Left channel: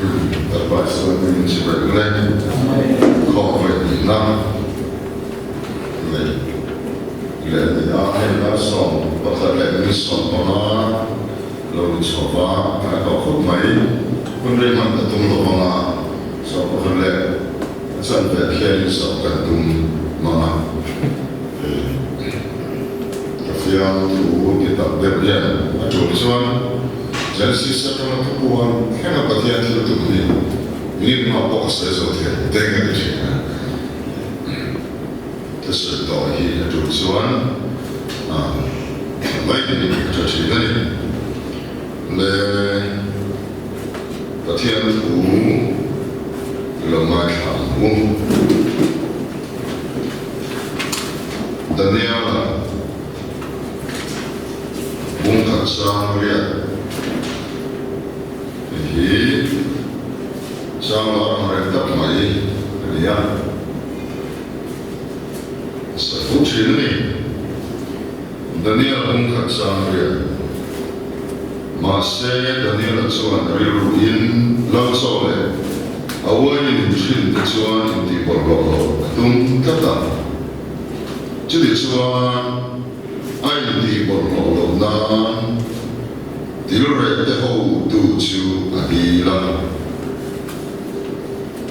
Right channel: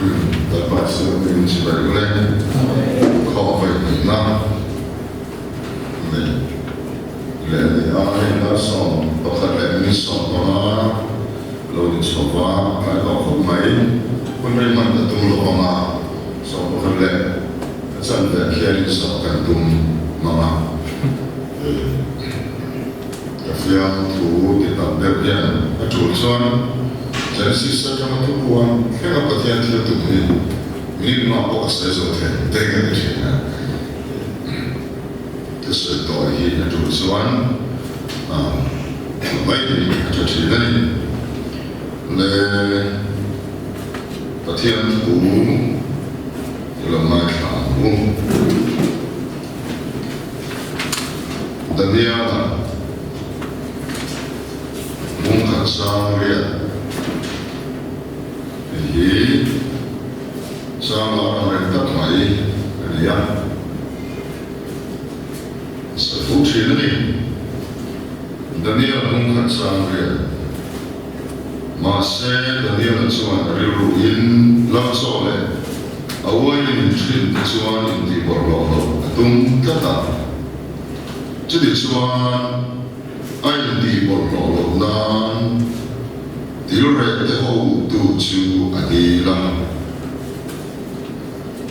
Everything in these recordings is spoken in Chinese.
advice mình chỉ phải lên khó vậy năm này lẽ thì ai là sống và thật lẽ mình sống mà lâu đi sống và phải có không mấy quân đây mà đã tung lộ mà sống và thật lẽ chân về khi đi sống cần tung mà phía thủ thì tập đẹp hiện chủ xuân Genesis sa kama tukuan kaya nga pati ang tinutuloy hindi naman po kasi sa hotel tenga di siya kasi ito ay hindi na tulusuan may hindi ka siya ni le pati ang tukuan ilang magkamu Daniel bungkat sa riyan Jadi, sama mereka mai dia satu sini ni, Daniel mungkin sama dia, masih Daniel cuman riruin langsung le, awal ini mungkin cuman di berlalu, tung kata, jadi cuman air di berlalu dan Dilure te hou tu chu adilang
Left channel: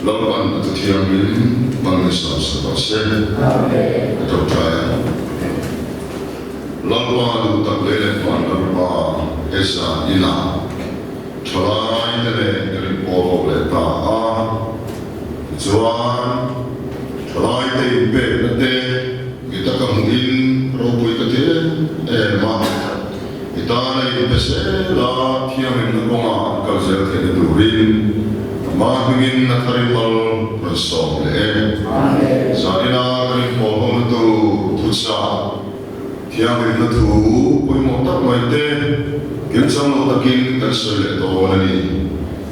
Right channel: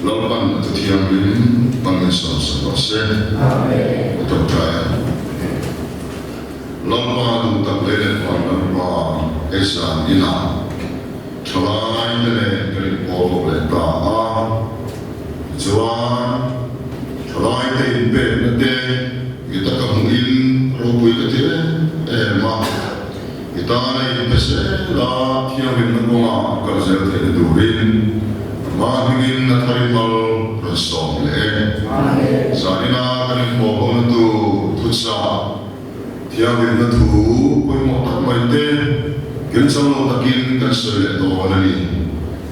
Lampan tu tiang lim Bangsa sebabse Amen Percaya Lampan tu tak lele pan lampa Esa ina Chalai kene kene poho le ta a Juan Chalai te impe nete Kita kamuin Robui kate ma Kita na pese la kiamin na konga kalzel te durin mahingin na tarimal rasom le sanina karin po on tu tutsa kiamin na tu poi mo tak mai te kinsang lo takin kan sele to nani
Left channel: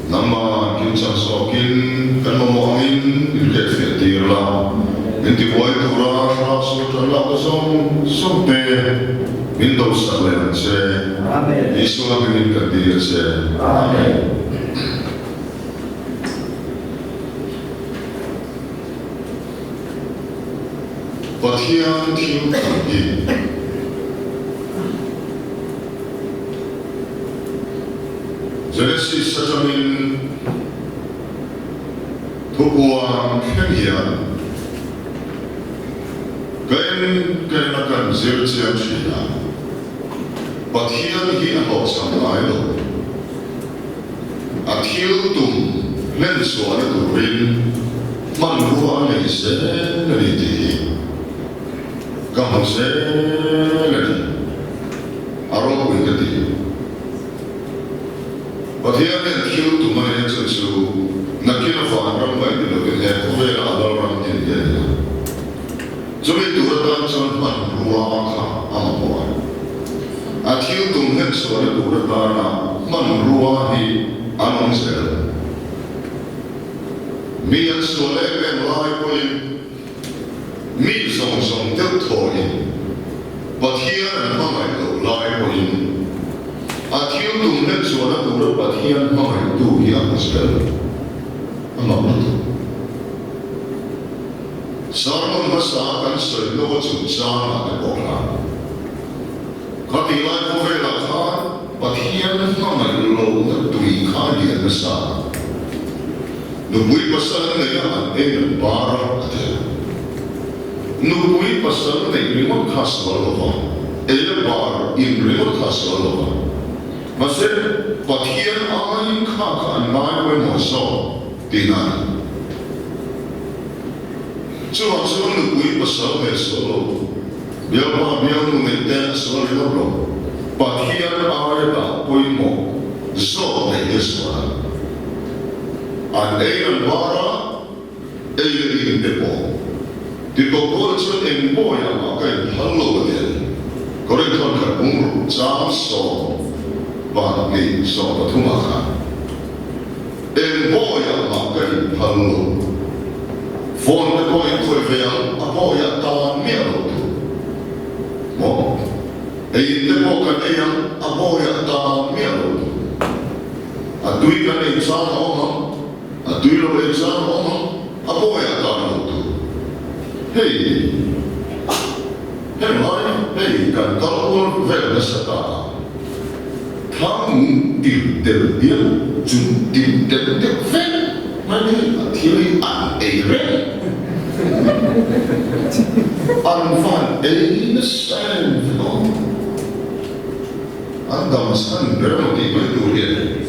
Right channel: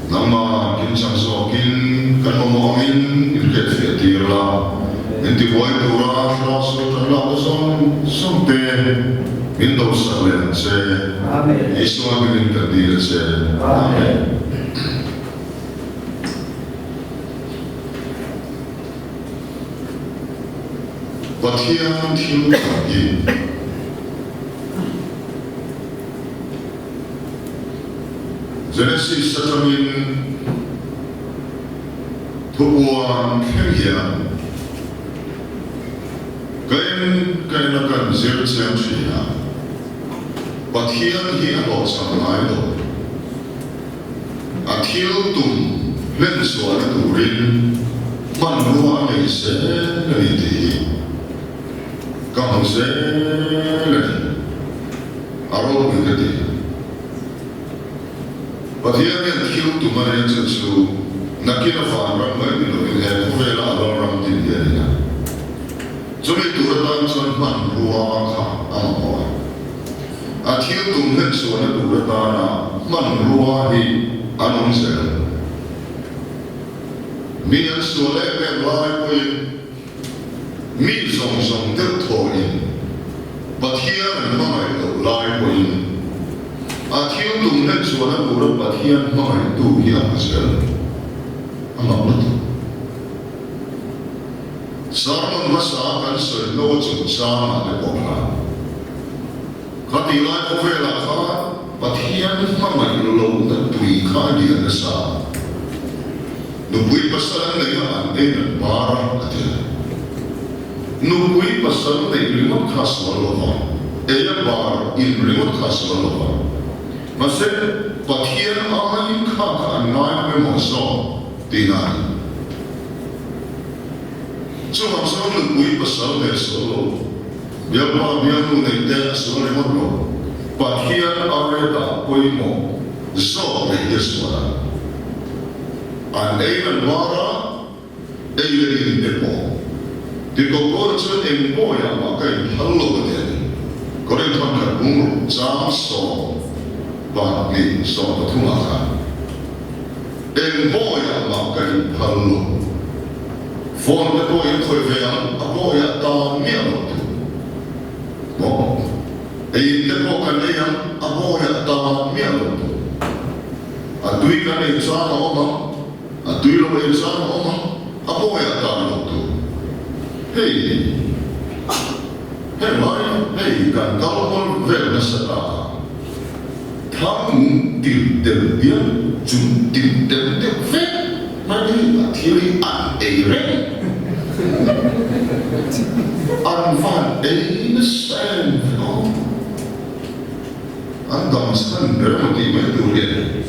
nama kinsang sokin kan mo angin ilket fiatirla inti boy tu ra rasul Allah som te Windows saklen se Amen Isu dengan kadir se Amen Patian tiu kagi Genesis satamin tupuan kenghian Kain akan zircian siya Pathian hi ano sang lai lo Athil tum len suan turin man ruwa le se le ti Kamu se le aro ko ti Pathian yan thil tum man yan su nakina fa ram ba ni lo he ko ve la ram tin ya ni Juli turatan son man ruwa ka amawa Athil tum hen suan turatana man ruwa hi anong sel mi an suale ben lai ko yin mi song tel tho yin pathian mai lo lai ko yin Athil tum hen suan turat pathian mai tu hi an sel amawa tu Sarmon masa kan soi no chung cha na ko na Khati lai ko ve la kha pathian mai lo na tui kha lian na sa Nubui pasal na ya an en para atia Nubui pasal na remote khas walova e bar in remote khas walova Mase pathian ai kha ka an mai ko mo so tinai Chuan nubui pasal na so lo Biar pa biar nu nei te so le mo lo Pathian ai ta poi mo so nei deswa An einan wara einan te po Di ko ko chu en po ya ma kai hallo de Kore thon kha ung cham so ba ni so pathuma kha En po ya ma kai hallo Phone te po in khoi ve a po ya ta mi lo tu Mo te po kan e a po ya ta mi lo tu Adui kan exam oma, adui lo exam oma, apa yang kan tu? Hey, hey kan kalau vel nasata, tham til dia, jun til dia vel, mana kiri an Anfan sen, andam san beramati mai durian.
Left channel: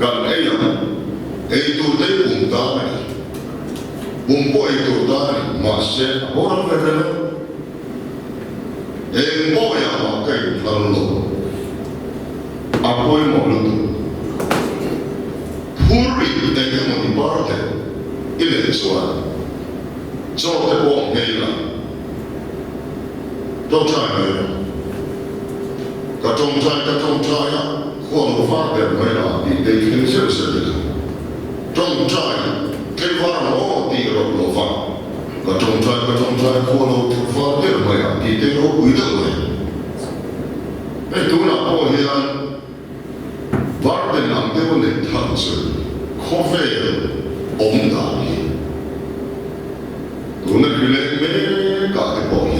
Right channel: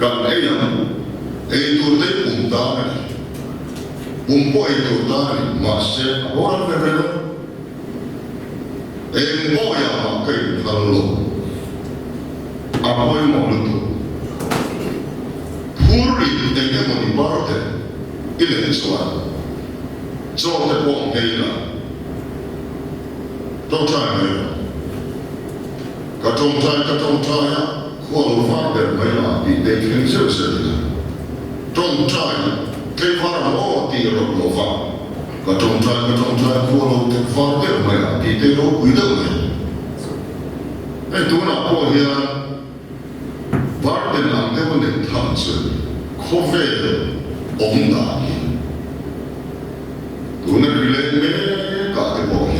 Kan ayam, itu deh puntaan, pumpo itu tan masih orang berkena, empo yang makai kalau, apa yang malu tu, puri dengan menibar deh, ini soal, soal terpong hela, trong trai ka trong trai ya. 或者发表没了，你得听这事情。种菜，开发了我第二个发，个种菜，或者发表没了，你得我回头没。哎，都那保险，玩的那么多人谈是，可费昂大的，都那比来没搞的保险，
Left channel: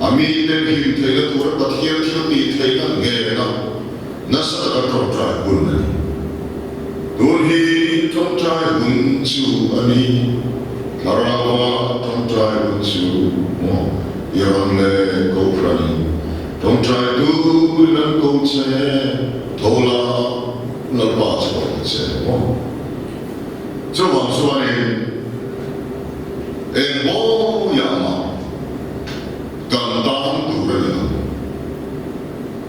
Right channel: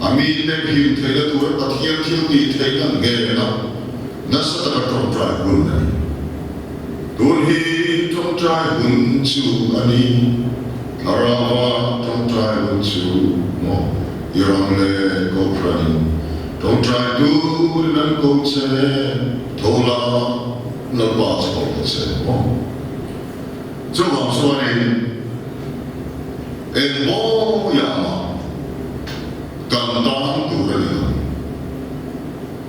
阿米那平台个都是把天地台个爱那。 Nasa tak trong trai hun ni, dunhi trong trai hun chu ani, karawa trong trai hun chu mo, irang le ko prani, trong trai tu nan ko che, thola lalpa che che mo. So bang suani, mo yama, kandang tu rani,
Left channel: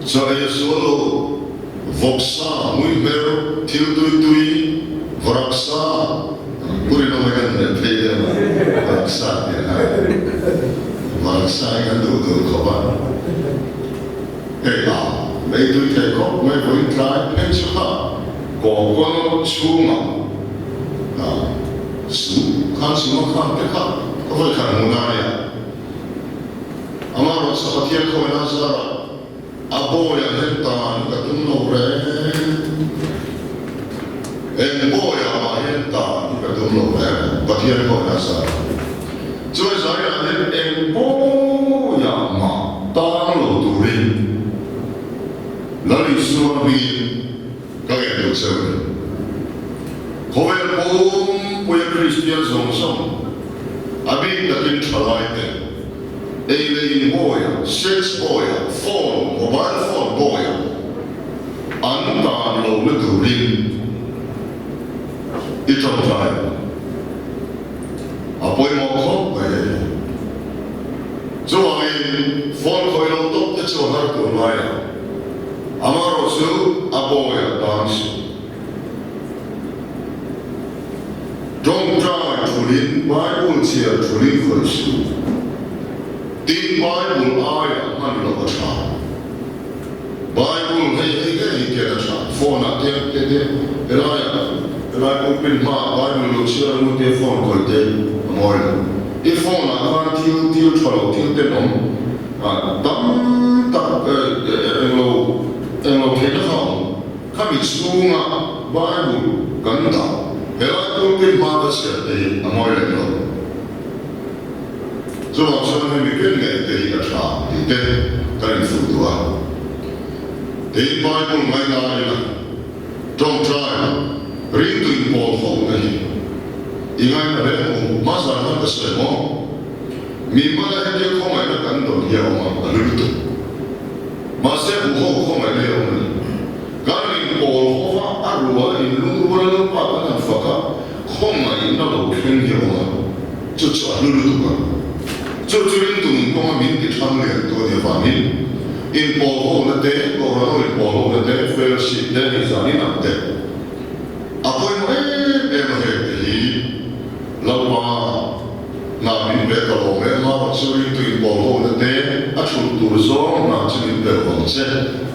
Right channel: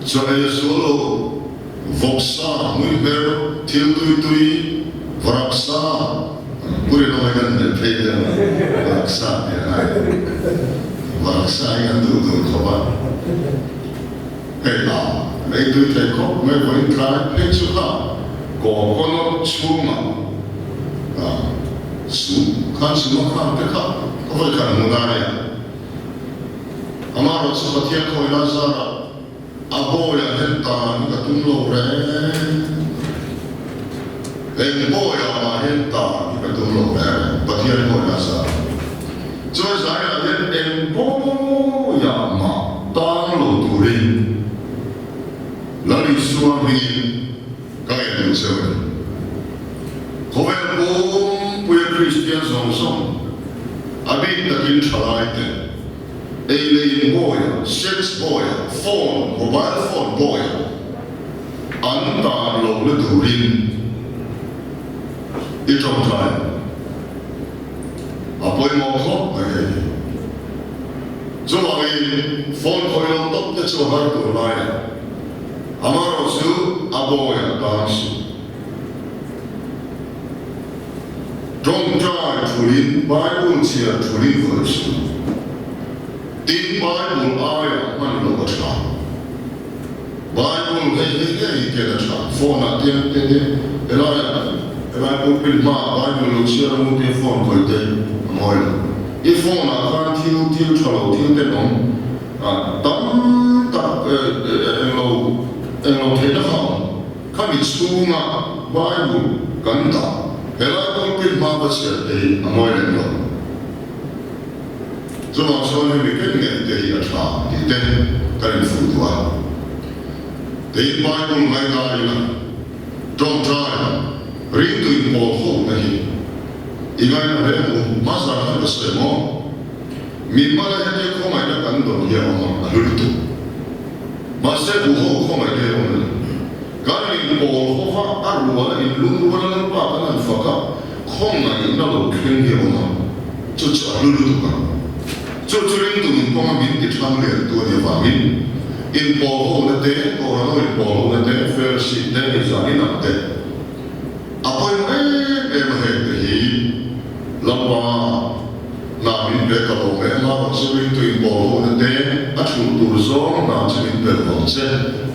so solo. Voksa, muimer, tui, varaksa, puri no magan ne pede varaksa ya. Varaksa yang tu khabar. Hey la, lei tui thai ko, me voi trai pe chu ha, ko kono chuma. Su kan su kan te ka, ko voi kan munania. Amaro sa patian ko ina zara. Abo ya hentan katum lo re, embo ya ma hentan katum lo re, patian ko nasa. Jadi saya hen embo ya ma tang lo turin, lalu suami kaya tu seven. Kau pun punya Kristian song, abi takin chalai te. Alien boy, sex boy, phone, mobile phone boy, anta lo le durin, itong time. Apoy mo ko, ay. So ang phone ko yung top na suhar to laya. Amaro su aboy dance. Don't try turin, Bible siya turin verse. Tin Bible ayat man lo baca. Bible hey kita baca. Phone nanti elaya pulpin ma Bible lo share mu phone ko te amoy. Phone akan til chalo til te nom. Tam tak lo kita ham. Kami sunga Bible ganda. Elaya pulpin ma baca te amoy lo. So maksudnya mungkin nggak jadi asal, itu kan influencer. Di Bible mana ini, trong trai, rindu impor nih. Ingat ada masalah ada semua. Mimala hanya kau mana kan dia orang lalu tu. Masa kau mana dia orang. Kalau impor kau arwah ilmu orang apa kan fakar, kau mana lalu keng dia orang. Cuci lalu tu kan. 就这边都能光明的常联多的方面，因保护那点，我看到因保护那点，非要是那你啥你难点，啊，不因为嘛嘿的，老爸那边别个老妹嘛，这边对保护那点，啊，出多少那这边别房子，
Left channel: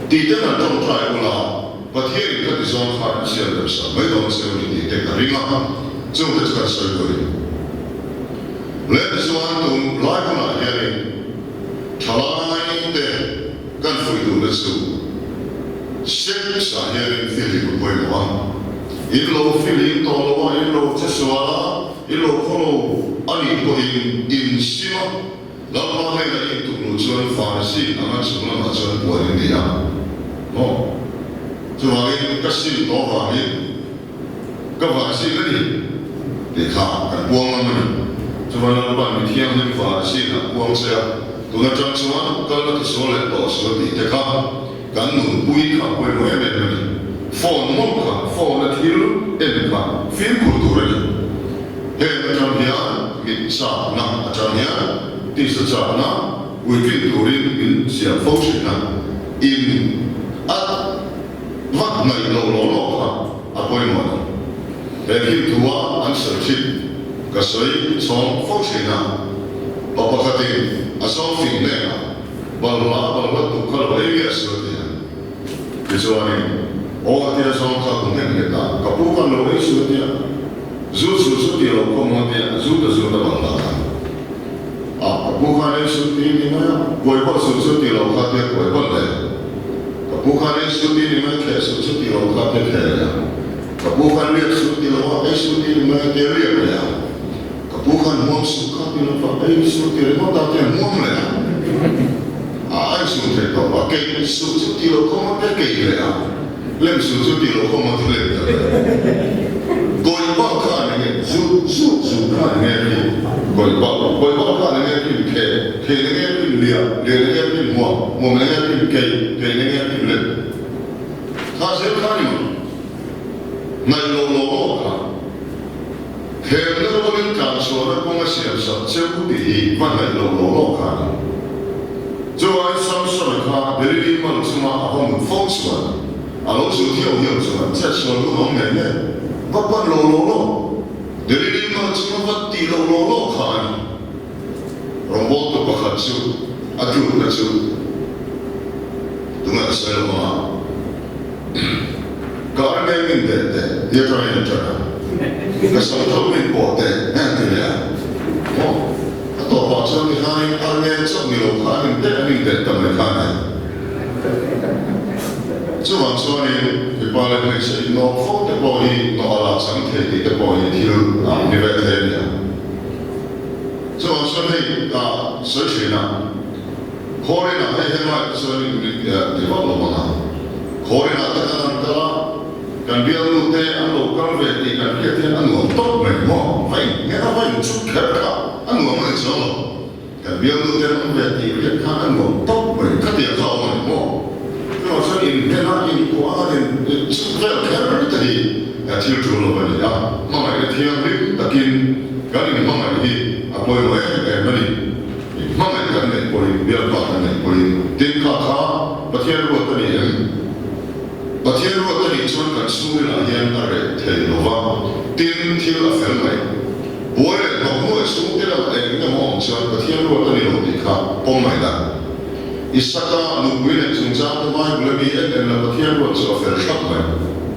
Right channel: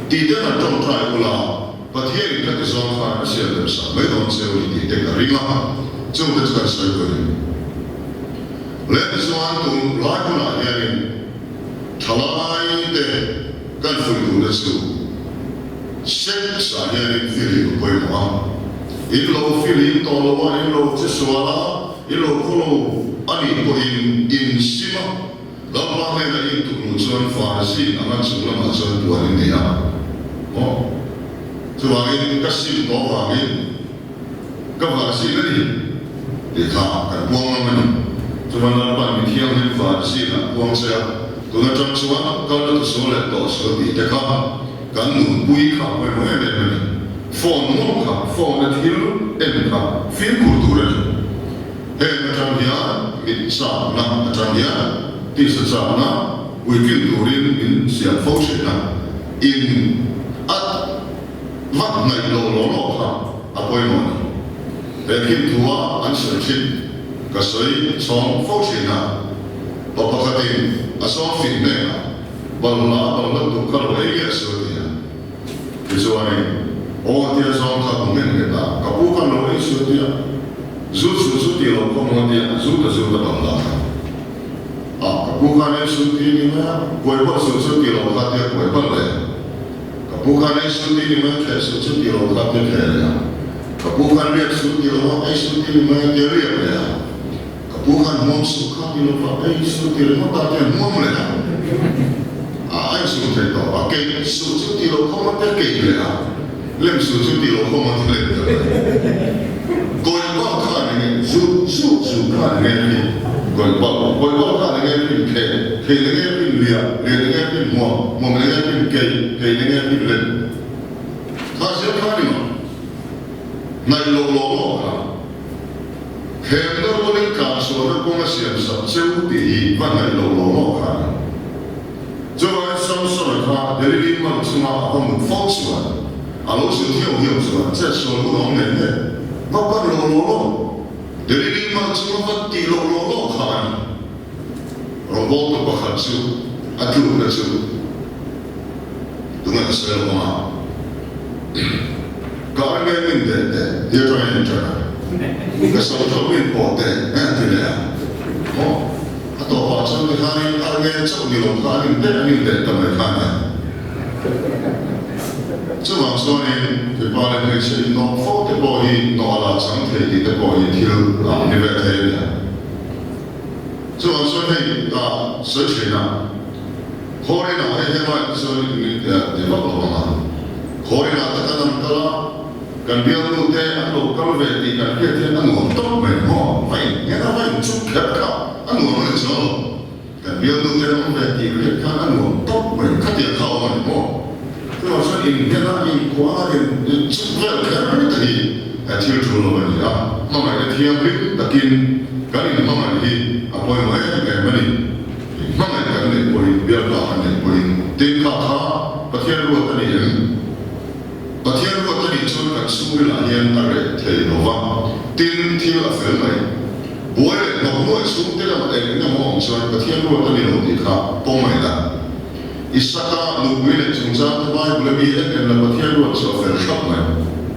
地点那种出来不啦，把天里看的上看，现在啥没东西，我地点个人啊，这个这个谁个人？ Let suatu lagu nak yang chalai deh kan foi tu lesu. Sek saya feeling boy mo. Ilo feeling to lo ilo cheswala ilo kono ani ko in sima. Lama hai na in tukno chuan farsi angan sumla ma chuan buarin dia. Oh. Chuangin kasim to wangin ka farsi ni. Dekha kan buang namani. Chuan pan mi thiang hin farsi na buang sa. Tuna chang chuan kal na sole to so di dekha. Kan nun pui ka pui mo ebe ni phone mo ka phone na thil en ka film kultura ni he na cham hia mi sa na cham hia ti sa cha na weekend turin in sia phone shi na in at vat na lo ka apoi mo ni he kim tua an sa chip ka soi chong phone shi na pa pa khatin a song film ne na balla tu kal ba ye so Kecuali orang dia zon kampung kita, kapukan lo isu dia, zut dia lo komon dia, zut bangla. Kapukan isu dia ni mana, koi pas zut dia lo kat dia koi pas le. Kapukan isu dia ni mana kes zut dia lo kat dia kaya. Kapukan dia zut dia lo isu dia ni mana dia lihat ya. Kapukan muam suka dia lo isu dia lo tak dia muam le. Ai su te to pakai su ti lo como te ke le lem su ti lo como te le gol ba ka ne su ka ne gol ba ka ne ke ne ke lia ne ke mo ne ke ne ke le ta se ka ni ma na lo ka he no mo ni ka so na ko ma sia sa se u ti va na lo ka Joan Samson ka dari man semua apa mun fong semua. Alo su hiu semua. Saya selalu ngomong ni. Bapa lo. Dari man semua pati lo kan. Robot tu pakat su. Atu na su. Tunga saya lo. Kau ni min dia tu yang cakap. Kasih tu min pot nanti dia. Oh. Atau pasal ni hari arnya cak ni lo hari ni tamai hari. Cuma ni kepala ni saya no foto boi no ala sangkei di boi til ni betul dia. Cuma ni search na. Kori na hebat ni di bawah mana. Kori na tekan kala kan biar lu anu kalau beti kan dia anu top mo. Fine, ni fine cukup kau. Anu mana cuma, kan biar tu dia orang berarti dia kan anu top, mereka dia tahu mana mo. Kalau saya ini dia nak ini kuat dia cukup kerja tadi, tiada jual apa ni. Mama ini tiang ni, takin kan ini mama ini apa yang mana ni. Mama ini kan ni boleh biar makan ni boleh. Tingkat patian luar tadi cuma kan semua layan ada telova, til afel mai. Boleh, nak semua tidak ada orang cuma ketian luar tadi orang dikah pemain dah. Isaka luar jumlah tempat boleh biar nak ketian luar cuma verkap mai.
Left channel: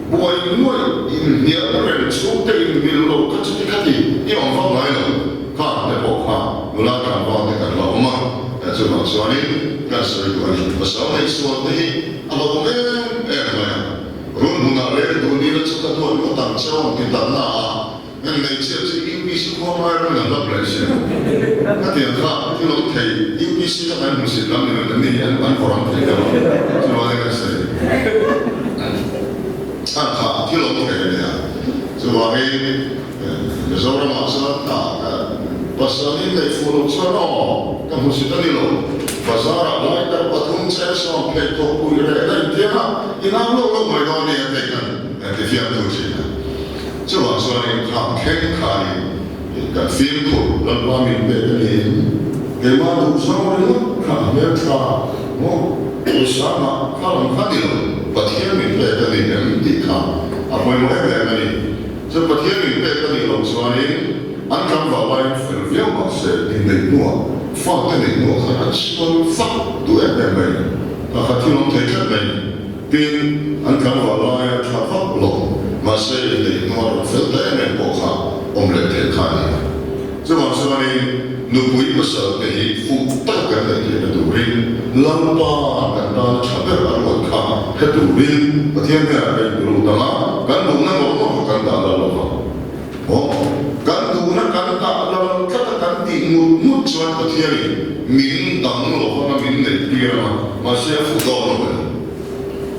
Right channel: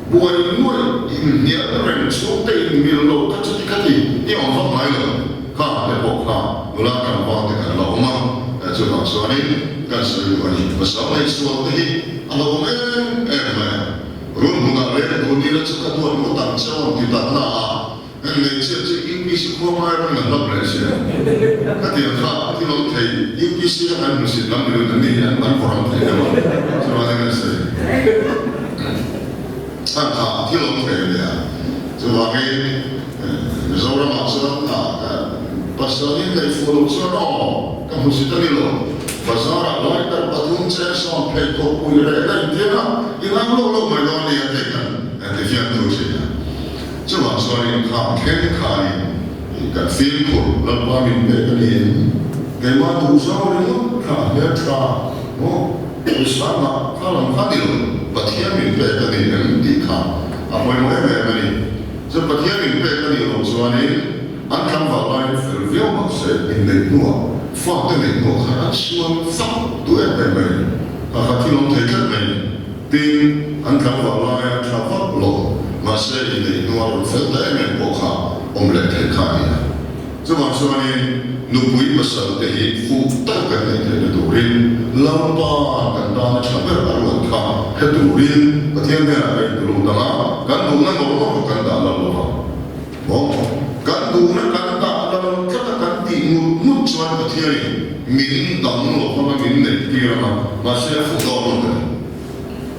Boleh ni orang semua tidak milu kacau kati, ini orang faham mai lah. Kah lepas mulakan bawa tekan lama, cuma soalnya kan soal ini pasal ni soal tadi, kalau orang mai, run mengalir dunia cakap tuan mutang cakap tidak nak. Nên chia UPC qua mai rồi là lấp lại xem. Các tiền khác thì nó thấy UPC là anh muốn làm điều đó nên anh còn thấy đâu. Cho nên cái gì? Anh khác thì nó thấy này. Cho nên rồi mà sao pasal ini follow sana. Kamu sudah ni lo. Pasal apa? Kita patung saya sampai kau punya lain dia. Ini lo mereka ni ada kan? Ada fiat tu sih. Cuma soalnya kaki kan film pun lepas minta ni, kemana tu sama ni kan dia cakap, bersama kalau hadir, patihan minta ni di kan, apa yang mau ni, so patihan minta ni orang soalnya, angkat balai film masa ini nuah, fakta ni nuah kan soal fak tu ni, kakak orang terkait ni, tin angkat balai cakap lo. Masa ini nuar film dah main boka omlet tekani. Cuma soalnya nupui pasal tehi fukta kan le durin lampa kan ta chabe arwan kha he durin pathian he ai dulu tama kan du na ngor kan ta la la o kan du na kan ta la kata kan ti mut chuan pathian min dang lo ma min nei tira ma se fu do no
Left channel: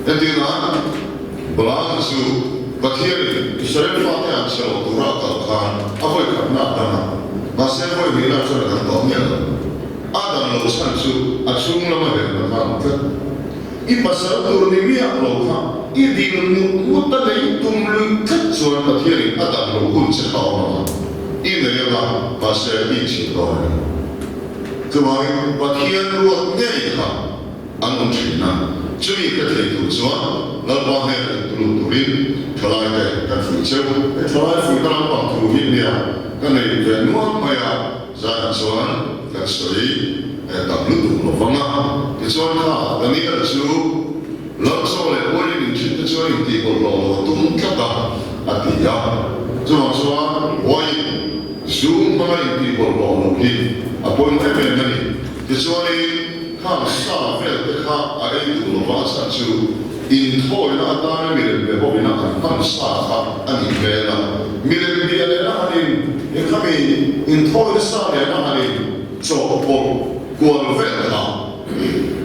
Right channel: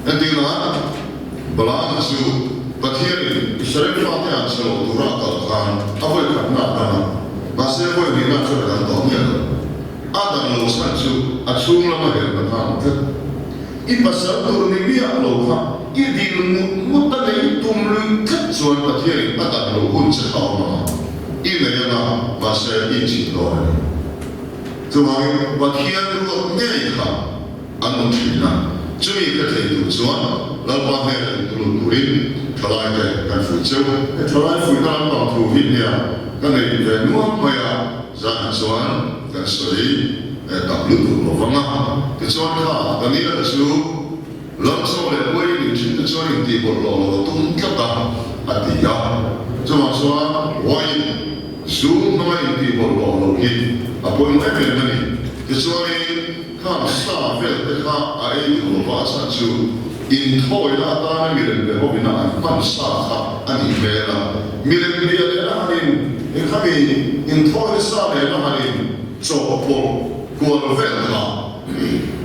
etina balan su pathian Israel fa ta chalo dura ka khan avoi ka na ta ma se voi ni na chalo da to mi adam lo san su achung la ma he na khan ka I pasal tur ni mi lo kha I dil mu ta nei tum lui ka chuan pathian adam lo hun che ta ma I nei na ma se I chi do chuan pathian ru nge kha anun thina chumi ka the tu chuan lalpa he tu turin thalai te kan fui cheu e thalai fui ta lam pang thu hi nia kan nei ve nuam maya za chuan kan soi e tam lu tu lo wanga te chuan kha kan ni la chu lam so le wai ni chin te chuan ni ti bol lo tum ka ta atia chuan wai zoom ma ni ti bol lo hi apoi mo e me ni te chuan ni khan sa vel te kha a e tu lo va sa chu in thoi na ta na mi le be ho bina an man sa kha ani me la mi le bi ale na hanin e kha mi in thoi sa le na hanin cho po ko lo vel ha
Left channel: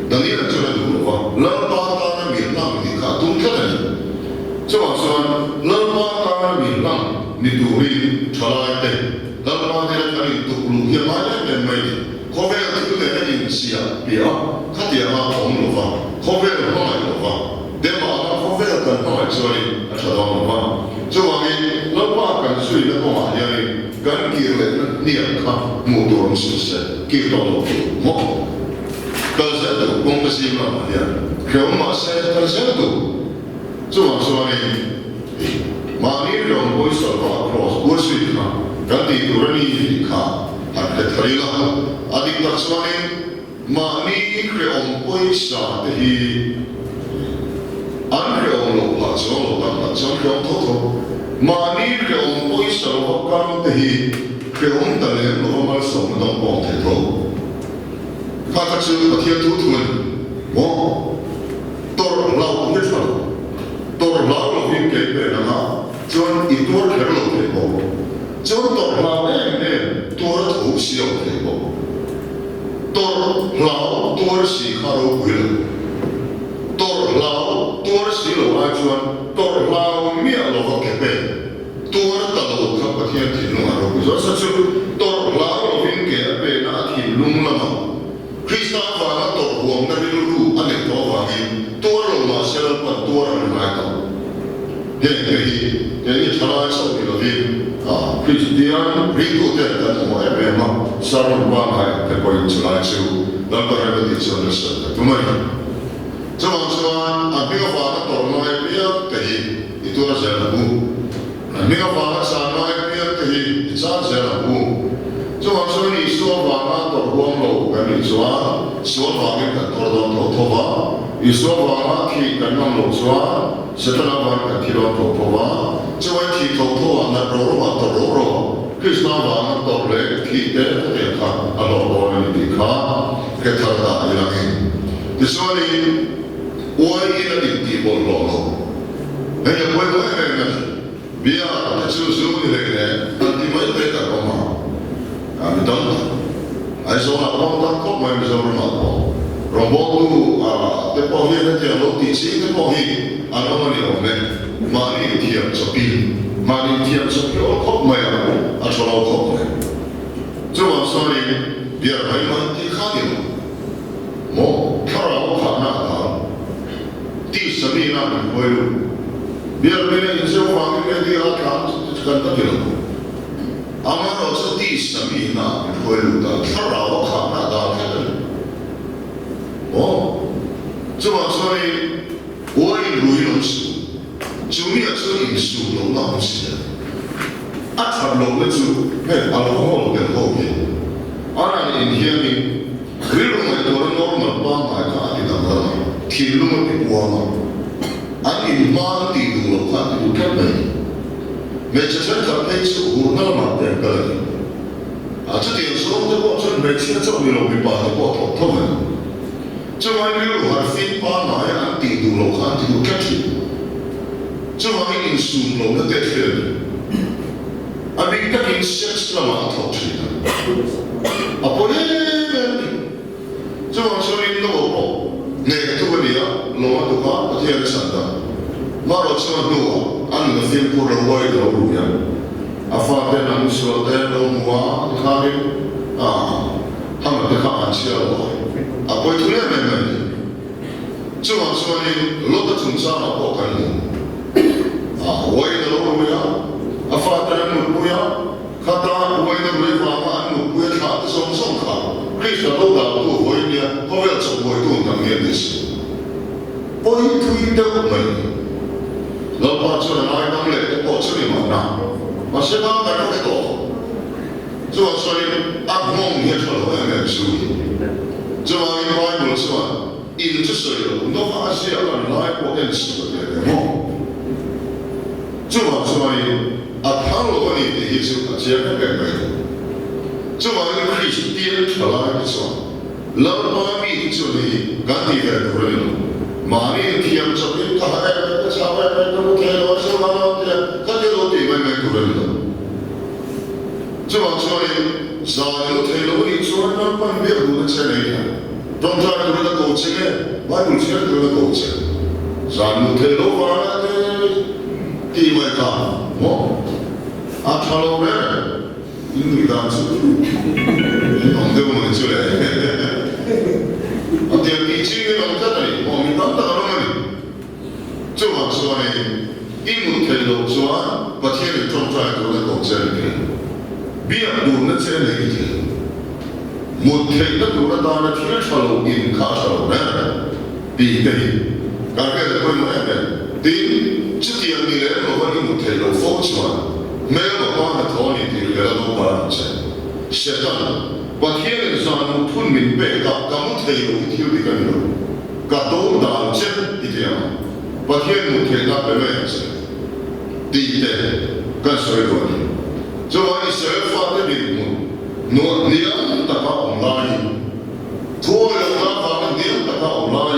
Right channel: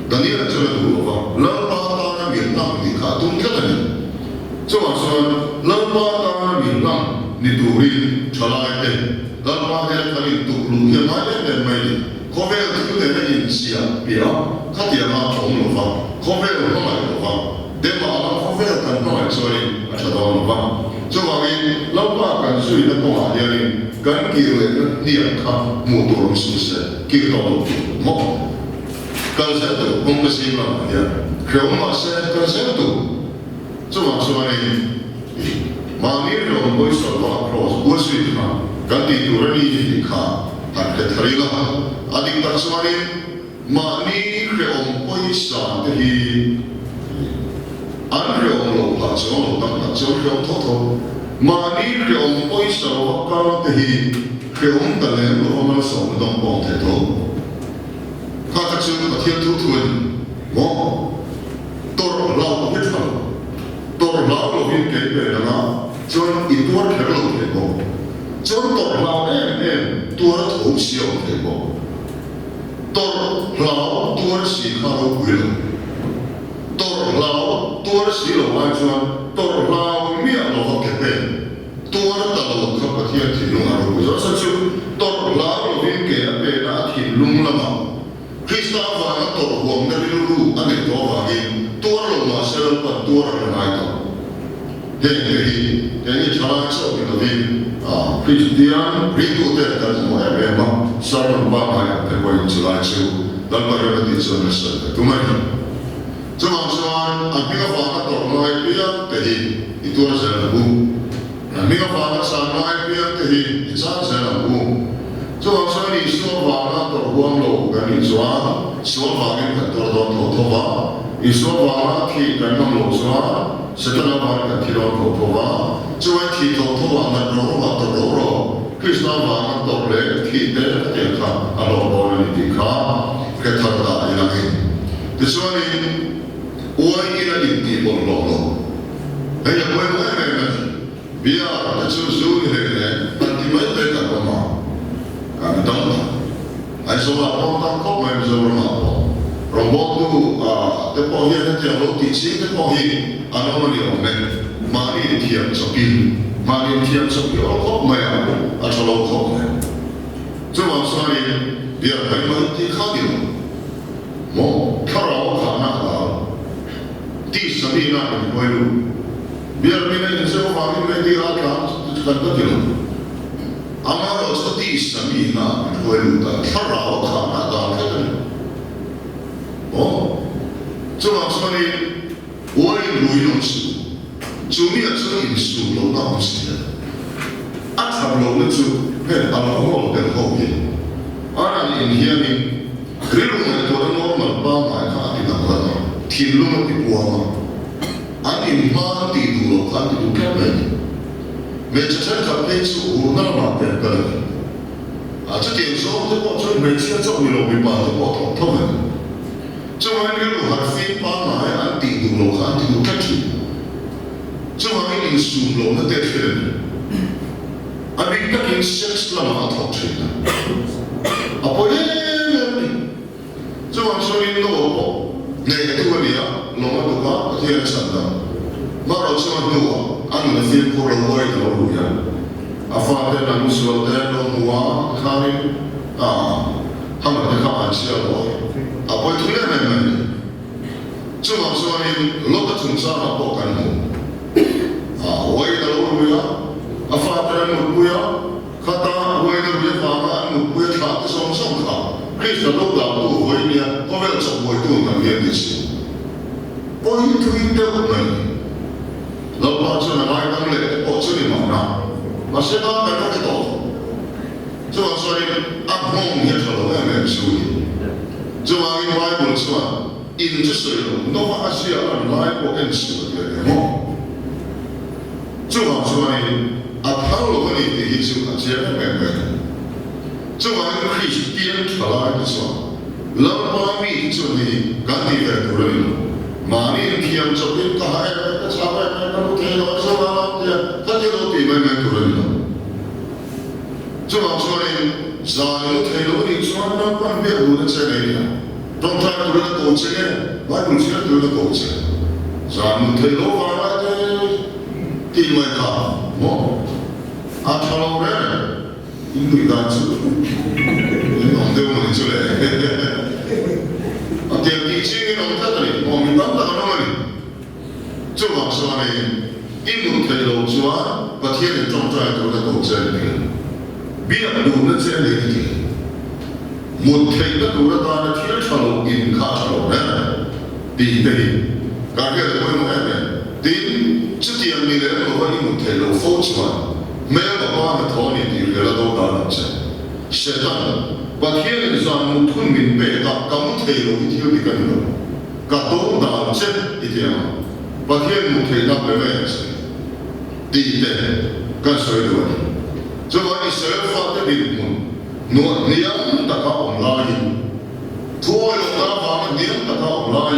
daniel chu le du lo va la pa ta na mi lang ni kha tum ka ni cho wa so la pa ta na mi lang ni tu ri chala te la pa he ka ni tu lu ye ma le mai ni ko ve tu le na in sia bia kha ti ma ong lo va ko ve lo ma lo va de ma la ko ve ka no ai so ni a cha do lo va so wa ni lo pa kan sui na ko ma ya ni kan ki le na ni ka mu tu rom si se ki to lo mo ka se to kong ka si ma ya ke o ma se ka se to so wa so ni ma ni lo mo so va cross wo sui ka kan ti tu ra ni ka han ke tharila adik tak suani ma ni kre om poi sa te hi an kre om lo pa chuan lo tak tak chuan kre om tho tho ma ni kre om poi sa lo ka te hi kre om ta le lo ma so ma dong bong the tho ka ka chu ka thia tu tu mo tor lao ni tha tor lao lo vin ke pe na ma chuan I tuar khe lo ke bo chuan tor lao em tuar tho si o ke bo tor lao tuar si kharo kuil tor lao tuar si lo ai chuan tor lao mi lo ho ke pe tuar ta lo kha pathian thi lu aro ku so chu tor lao lo vin ke pe na thi lung lama krista va na tor huam na ri ru ane to va ni tuar lo ma se lo pa tuar ri mai ta he ni chana so ni lo vi Christian rindu te kan mo e me ma sarman ba hai te ko in chulai chu dan pa re ti so na sa tu mai so ma so a mi ga fa na to no e pia te hi I tu ra sa na bu a mi ga fa na sa no e pia te hi I sa sa na bu so ma so ni so va na to huang lo ga ni so va ge ka to do to to va I so va na ki kan no lo so se ta na va ka ki do to va cho anh thì thầu thầu anh là rồi mà tao rồi khi sao mà anh tao lấy thì để cái tiền khác anh lo lo này thì khác cái thằng ta đi làm gì thì sao đi ôi cái này thì bỏ lo lo bây giờ quay quay về này bây giờ cái số số như thế này anh thì mấy cái cả con mà anh đóng anh số là con đóng cốc mà số là mà bỏ rồi bỏ tu cái bỏ hiện cái tiền lỗ tỷ sĩ cái bỏ hiện anh ông mà nhiều này Mari tiap sapil, mari tiap sapil orang kok maya, atau orang kok maya. Cuma sorry, biar memang dikhadir. Mo, kalau khana dah, di sini nak berkualu. Biar mana insya Allah ini dirakan, kan tak kira. Amar orang di sini nak berkualu dah, kalau khana dah kan. Oh, cuma sorry, woi ruinum sih. Chú mi ở chỗ in su lâu đó không xí ắt thầm lâu lên chú hết alcohol đến hậu hiện ở đây in hiện đi cái lúc này tôi đã nói mà ba ngày khác thì làm gì thì lúc này thì buông mà anh in mang thì đủ lâu khác thì đủ kém này về chắc chắn phải chú hồn nó mà tiền cái này 这点时候这过程每天做你老没办法过头他们，这玩意儿还非把哪样安地度老安地度开启，这玩意儿数老那得去，比他给sex了嘛头去的，不这往说你老婆，那都个你老嘛都话不听人讲的，马老这么多俺那非过了我也老路呀。发展那么说的，龙华你看呢他们在看安琪了，不会推来没没，这么说呢，老多从啥那过干么，我也老路呀，发展那么不呀，看他我也路也发嘛，那么不也看的松松看，可以说老大都我一年，后面做我都能面对些，我一推的我们，老把这那来当来，我这里嘛那。现在大家看到，这话说的梦也出来了，没注意。这话因为不是嘛，因这是有，那么西亚人来过认识的对吗？这话说的他罗个你的意思接不变的。这话因为是别人出来的是吧？老把米就你赶紧来做人了。马尼天这边他还差不多都不听我说了的，他就都对外面做人了。这话说的，啥人都听了，你说那半边路的车来的，中间做的高级呢，外国车做的高级，啥人听了话的，地位高，查老人，因为当时，弄得我们出来。电梯机给弄在这里，我们当当弄嘛哩。这话说呢，一木铁路说，把天人种出来做的高质的，别路那这样的一点，木铁的路那当然天车路、银卡车路呢，地地，大概的规模呢，第这点你来我们一木铁路否出来，没有个把那讨论的，给他都打了去，现在。把天人上木吞明白个，咁木提路一條啲咁樣，個都大隻一點啊，把天木提那俾咩事？第一點，跟水多啲，就話你水發的靈門，你大家唔拉伊，拖路那方你大家唔拉伊，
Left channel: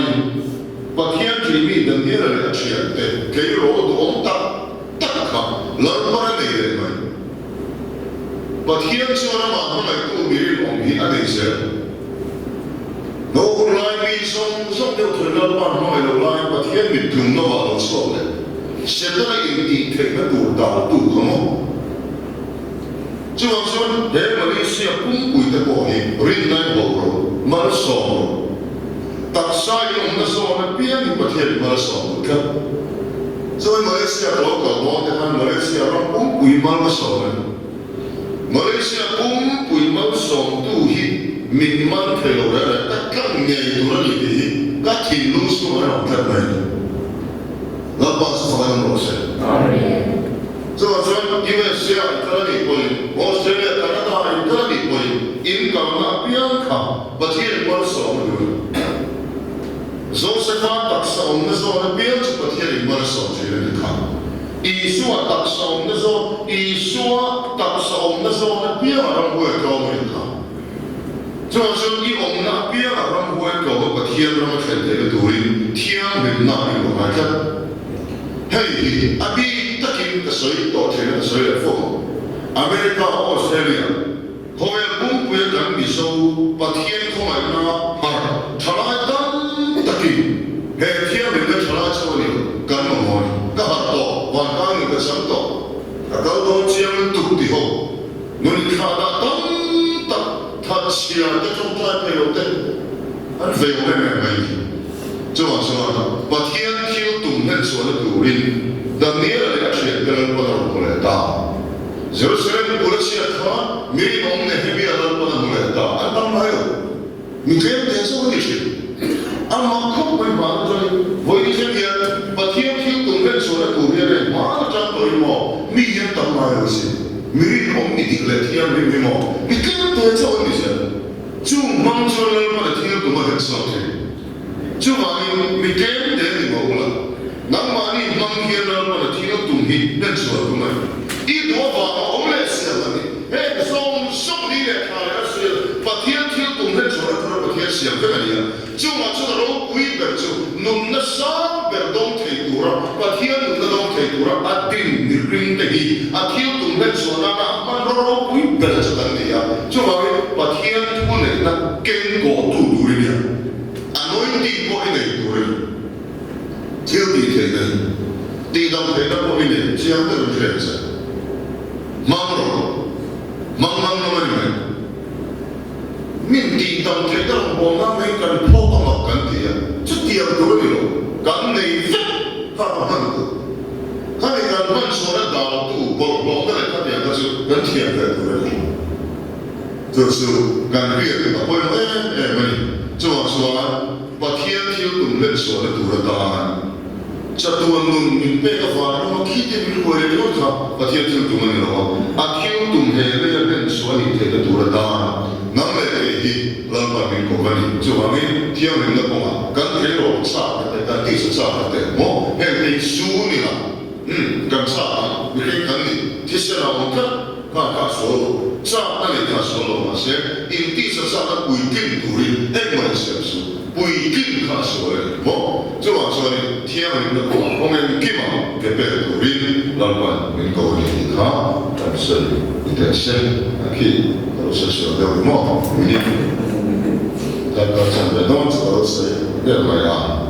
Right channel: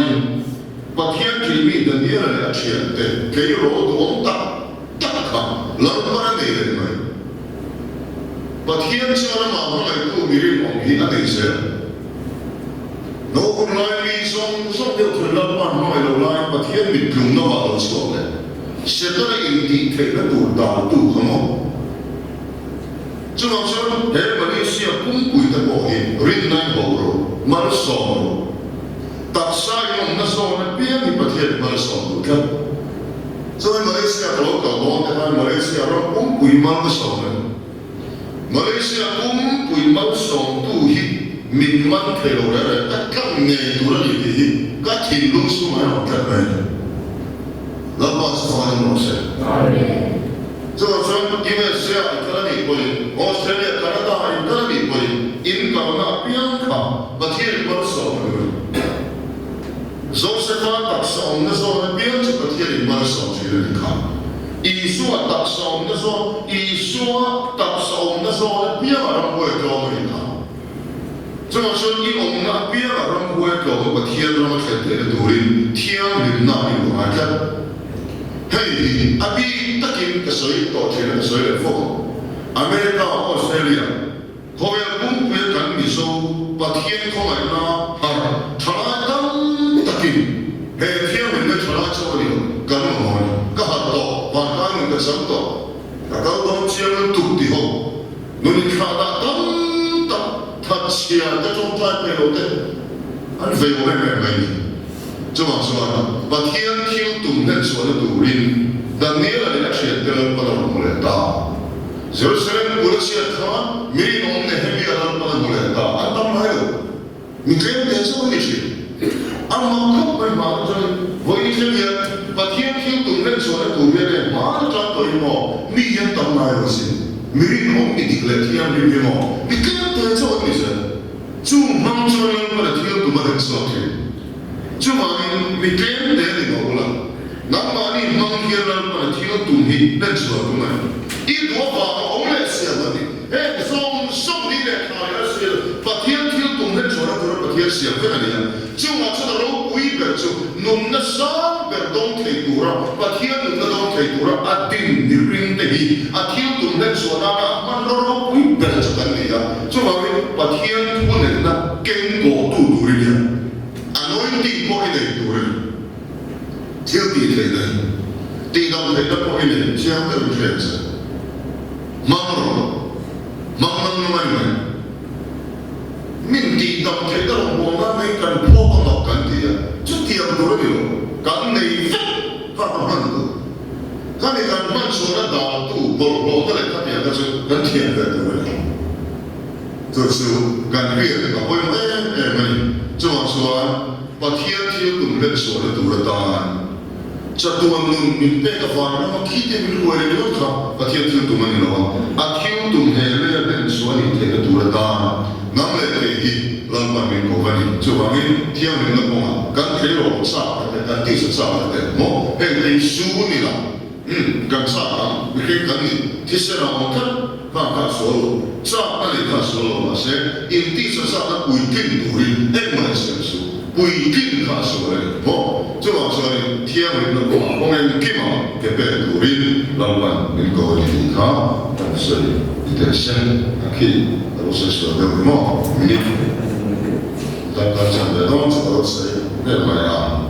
把天裏面的你嚟錢的，給羅多得卡，老闆你嚟咪。把天叫的马上来度米的农民那些，我本来米送就退了半卖了来，把天米用那瓦都错了，现在因地退了多大度可么？这话说，在马来西亚公贵的过去，人来保罗，马来西亚，特色用那时候那边的把天马来西亚都看，所以马来西亚老搞光的看马来西亚人公贵马来西亚人。马来西亚公贵毛上都去民民铁路来，更年度的日子，个铁路是买龙得买的，老板是放在龙上。这个说，因为是啊，一个人过去，澳大利亚、加拿大一个人过去，因港那边卡，把天马上的，就是发特色，我们那时候那边就把天马上去了，你看。艺术啊，特色我们那时候，艺术啊，特色我们那时候那边啊，人不会教我们看。这么说，以我们那边啊，人不会教我们天让我看这个道理，天明那一路啊，看，嘿，比特金的水多钱的水来付，美国、澳大利亚，后面公布的讲你说，把天空来拿，查来当特金，嘿，天明的查来做了，跟我们。个好多，环境的什么，那高东江土地好，你看到他吃这种栽培了的，很肥沃的美，这么说，把天天动人说的土地，但你那里吃的人不能不来打，就是人过来吃他，没弄的那边人不能不来打，俺当没有，你可以点什么去？俺马可不马上，我以前也把天天动人说的土地呢，马上对么，你也当没有事。没弄你的来天里面么？你根本对这问题是，就忙出来把它天都把它说的，就话你没根的你冇啦，那么你忙天了把它天都东西能说的嘛？一多话我们来写问题，送你来看了是把天天动的做了，都是把天想这个里啊，就啊这个老鬼的就弄那三个东西多了，把天弄那东西多了，啊顶你领的去，啊天动的做那个慢老鬼的这个里啊，就话把天突然那经过度度的呀，啊那一地过一点多的，天地天的，地当天的过一点，这样的天子，忙了。忙那么你们，面地当睇得我媽你近破咁落緊啲啊，出啲人做乜嘢咯？緊你發到乜嘢？佢哋近乜所得大都博得嚟佢哋個就緊啲人嘅做乜嘢？就是緊啲人個會乜？就話說把天天同人所的做得大。Satuan nun mimpi ka far no kite bil ko le lot ka patia tiu tu mani lo a tiu tum he le ya nen swani te ka tu ta nam le ke hi lan pa min ko bani chu ba ngi tiu ni na ko ma kan ke ro sa ka te ka ti sa ka te mo he te su ni la kan sa ka bi ke kan ni ti se na on ka so lo sa na le ka so lo ma se in ti sa ka ku kin tu ri e ma se su 不一定他说的，哦，这话说的天文的话，我们起码给别人人老板能够的他，但是一点心去都是晓得的嘛，明天大家讲的东西都是这么样。